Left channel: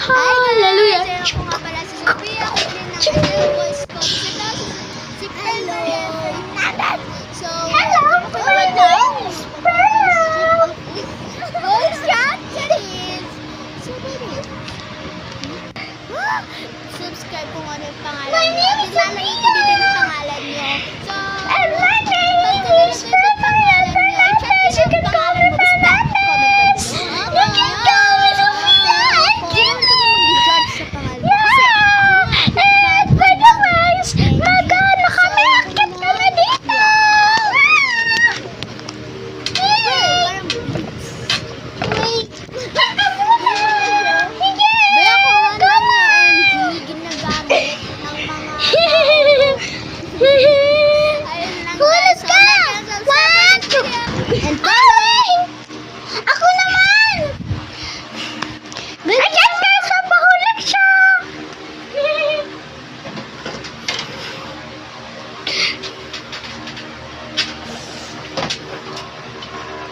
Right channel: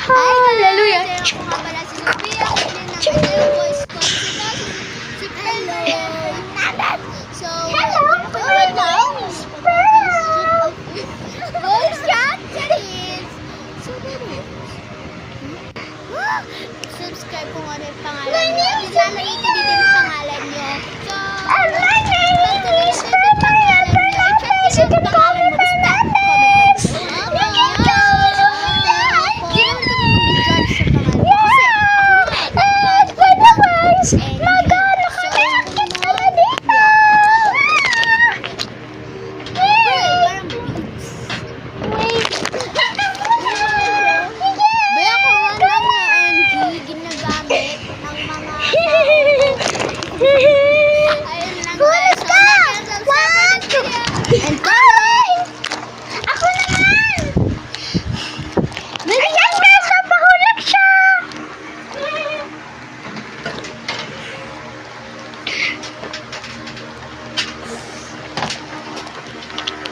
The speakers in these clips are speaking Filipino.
Hallelujah. Guys, ako nga pala si Sophia. Kunin ng yung voice ko. Si Pedro Fernandez. So, right now, voice chat series. So, subscribe kung ano yung pangalan nyo. At ilalagay ko din yung pangalan nyo. So, pag kanilagay ko yung pangalan nyo, i-check nyo yung pangalan mo. Basta, comment ka dito. Hindi naman kami mag-judge sa pangalan mo. Kasi, ayun lang guys. So, like and subscribe for this video. And comment! Ako naman! Ayan na! So, pahulog siya!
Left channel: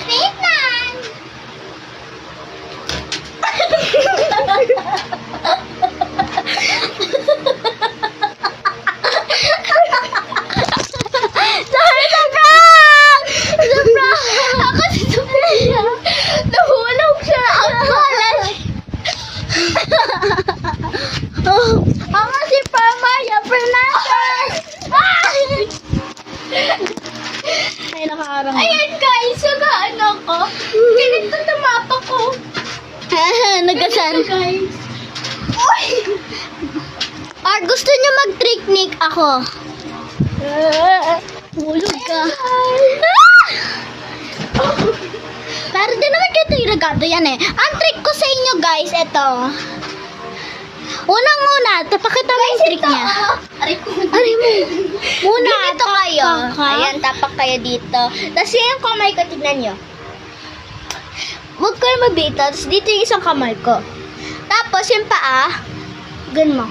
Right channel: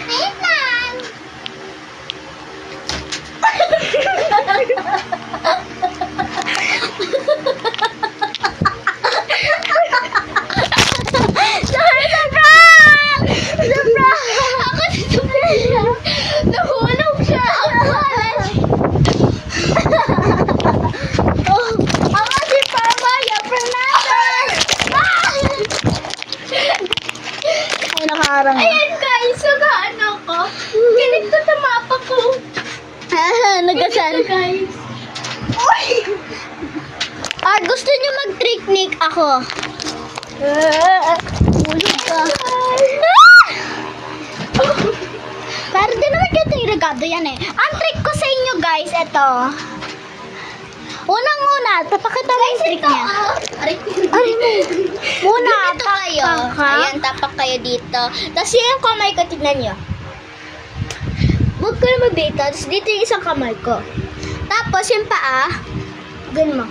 Wait lang! Nahulog siya. Ako si Pamaya Fernandez. Ay, nakaharang. Ayan guys, sagaan ako. Ganito tomato ko. Nagasan. Guys. Gusto niyo mag-picnic ako? Hulog ka. Pero di naman dito yung regado yan eh. Ang trick ko sa inyo guys, ito. Unang-una, tapakita mo yung trick niya. Aray mo. Muna, Dito kayo. Ayan, tapak kayo dito. Tapos yung kamay ko, tignan nyo. Huwag kayo mabito. Tapos dito yung isang kamay ko. Tapos yung paa, ganun mo.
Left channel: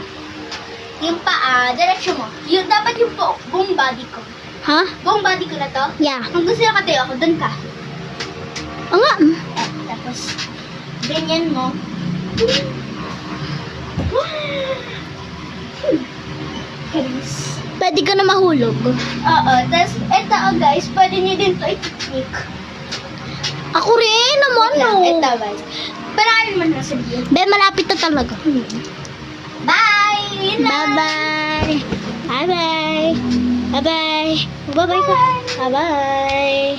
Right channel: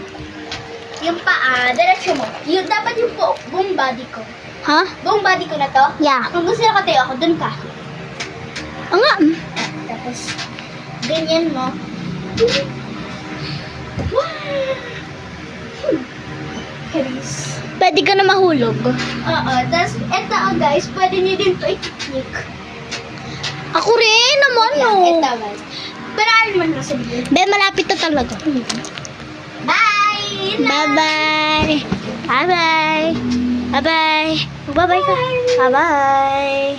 Yung paa, diretsyo mo. Yung, dapat yung buong body ko. Ha? Buong body ko na to. Yeah. Kung gusto nyo katayo ako, dun ka. Oo nga. Tapos, ganyan mo. Haris. Pwede ka na mahulog. Oo, tapos eto guys, pwede nyo din to i-technique. Ako rin naman no. Ito guys. Pero ayun man na sabihin. Be, malapit na talaga. Bye! Yun lang. Bye-bye. Bye-bye. Bye-bye. Bye-bye ka. Bye-bye.